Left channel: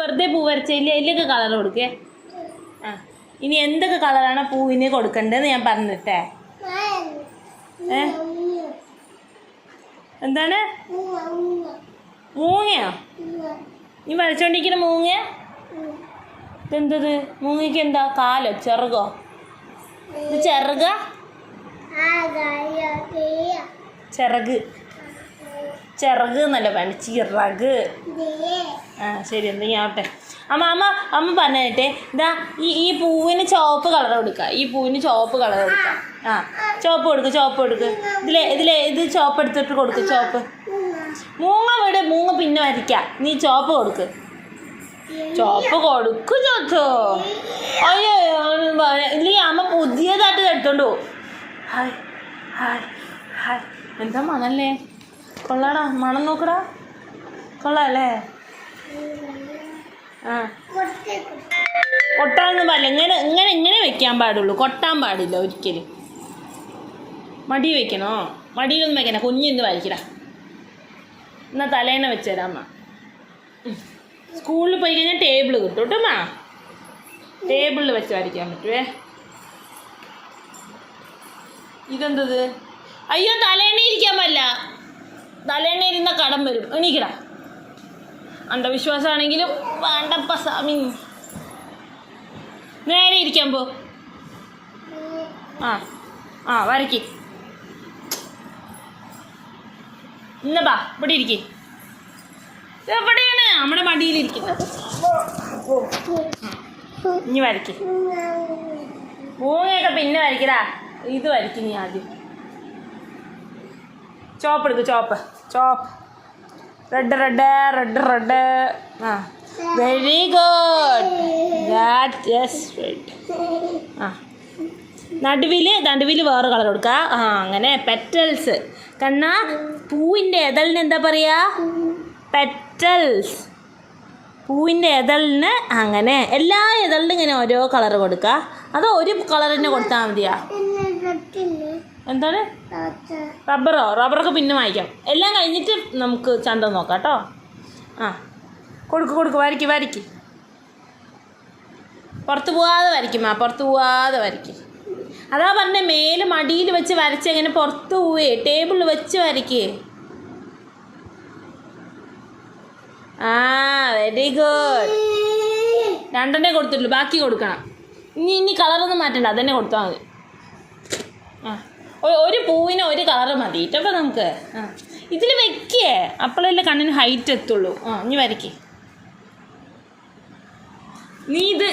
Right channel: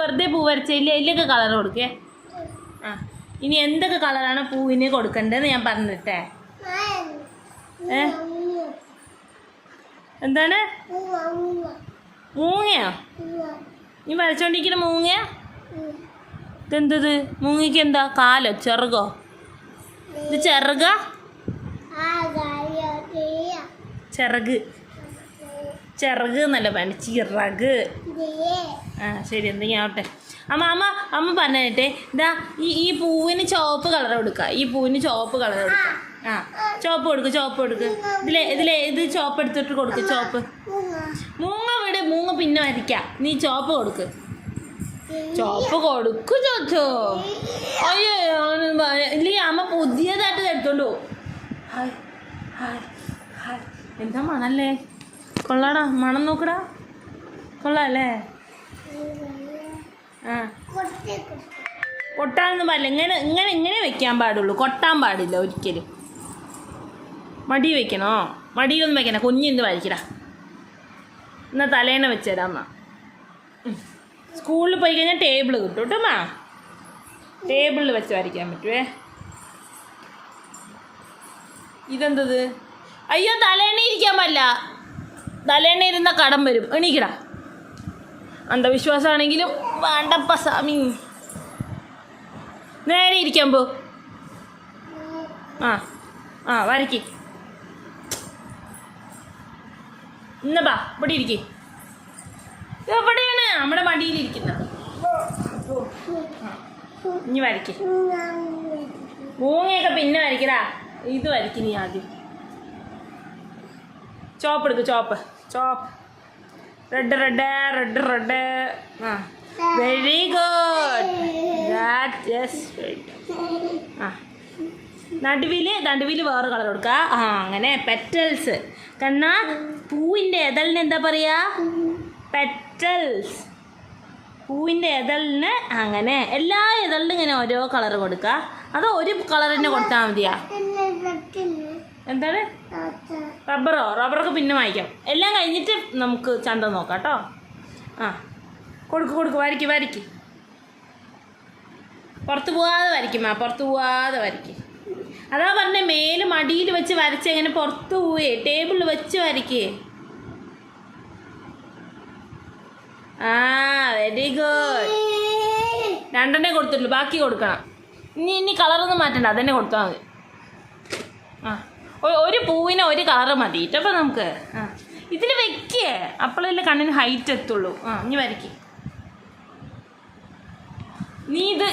വെറുതെ പൂ വരച്ചില്ല ഇതിലേക്ക് കളർ കൊടുക്കേ. ആ ഇനി എന്തൊക്കെ കളറാണ് പൂവിന് കൊടുക്കേണ്ടതെന്ന് ഞാൻ പറഞ്ഞിട്ടേ. എന്താണ് മൂങ്ങയോ? നീ വരച്ചോണ്ടിരിക്കുന്ന മൂങ്ങ? ഇതെന്തത്? മൂങ്ങയ്ക്ക് എന്താ കാലോ ചെറുകോ? ഇത് ചെറുക? ചിറക് ചിറക് എന്നല്ല പറഞ്ഞ ചിറക്. ആ ശരി എന്തെങ്കിലും ആവട്ടെ. അമ്മ പറഞ്ഞേ ഇതാ ഈ പൂവിന് ചുവപ്പ് കളർ കൊടുക്കുക. ഈ പൂവിന് ചുവപ്പ് കളർ കൊടുക്കുക. ആ ചുവപ്പ് കൊടുക്ക്. ഇത് ചുവപ്പ് എടുത്തിട്ട് കൊടുക്ക്. ചുവപ്പ് മൂങ്ങ പിന്നെ വരയ്ക്കാം. നീ ചുവപ്പ് കൊടുക്ക്. ചുവപ്പ് കൊടുക്കു ചോദിച്ചോ. അയ്യോ ഇല്ലേ അമ്മ പുതിയതായിട്ട് എടുത്തോണ്ടോ. ഹായ് ഹായ് ഹായ് എന്താ മണല്ലേ? കൊള്ളാടാ, മണം നോക്കടാ. കൊള്ളാല്ലേ? ആ കൊട്ടാനൊന്നും പാടില്ല. ഇങ്ങനെ വെക്കാൻ പാടുള്ളൂ. കൊട്ടാൻ പാടില്ല ഒരിക്കലും. മടി വെക്കണോ? മടിയിലൊന്നും വെക്കണ. കുഞ്ഞിന്ന് വരയ്ക്കടാ. എന്നാൽ തലേണ വെച്ചേടാ അമ്മ. സ്കൂളിൽ പോയി കഴിഞ്ഞാൽ ടേബിൾ കിട്ടും കേട്ടോ അമ്മ. ടേബിളിൽ വെച്ച് വരയ്ക്കാൻ പറ്റുമേ. ഇതെന്തത്? അയ്യോ തലേണ ഇരിക്കാൻ പറ്റില്ല. തലേണ ഇരുന്ന കടം വരും. എണീക്കടാ. അന്ധവിശ്വാസമാണെങ്കിലും വേണ്ടപ്പ സ്വാമി. നേരെ ഇരിക്കാൻ പോ. ആ വരയ്ക്ക്. ഇന്നപ്പാ ഇവിടെ ഇരിക്കേ. എവിടെയാണ്? നമ്മുടെ മടിയിലിരിക്കുന്നത്. ഇനി വരയ്ക്ക്. മൂങ്ങയൊക്കെ പിന്നെ വരയ്ക്കടാ. ഇത് വരയ്ക്കും നീ ആദ്യം. ചോപ്പ് എടുക്ക്. ചോപ്പ് റെഡ്. ആ വെരി ഗുഡ്. ആ നടുവിൽ വേറെ കളർ കൊടുക്കുക. ആ അങ്ങനെ പെറ്റൽസ്. കണ്ണാ പൂവിൻ്റെ എതളിന് എന്താ പറയുക? പെറ്റൽസ്. പൂവിൻ്റെ എതളിന് അങ്ങനെ എല്ലാ എതളിനും ഇങ്ങനെ ഓരോ കളർ കൊടുക്കുക. അതോ ഒരു കളർ തന്നെ കൊടുത്താൽ മതിയാ? എന്താണ്? റബ്ബറൊക്കെ പിന്നെ വാങ്ങിക്കാം. എല്ലാം കഴിഞ്ഞിട്ട് നമുക്ക് ചന്തം നോക്കാം കേട്ടോ. ആ കൊടുക്ക്. വരയ്ക്ക്. പുറത്ത് പോവാതെ വരയ്ക്കും. അതാ പറഞ്ഞേ മേല് മടിയിൽ വെച്ച് വരച്ച് എങ്ങനെ പുറത്ത് പോവേ. ടേബിളിൽ വെച്ച് വരയ്ക്കേ. ആ വെരി ഗുഡ്. രണ്ടെണ്ണേ കൊടുത്തിട്ടുള്ളൂ. ബാക്കി കൊടുക്കണം. ഇനി കളറൊന്നും മാറ്റണ്ട. അതന്നെ കൊടുത്താൽ മതി. ആ ഒരു പൂവിന് ഒരു കളറ് മതി ഇട്ടപ്പോൾ നമുക്ക്. ആ ഇതിൽ വെക്കേ. അപ്പോഴല്ലേ കണ്ണിന് ഹൈറ്റ് എത്തുള്ളൂ. ആ ഇനി വരയ്ക്കേ. നീ ഇത്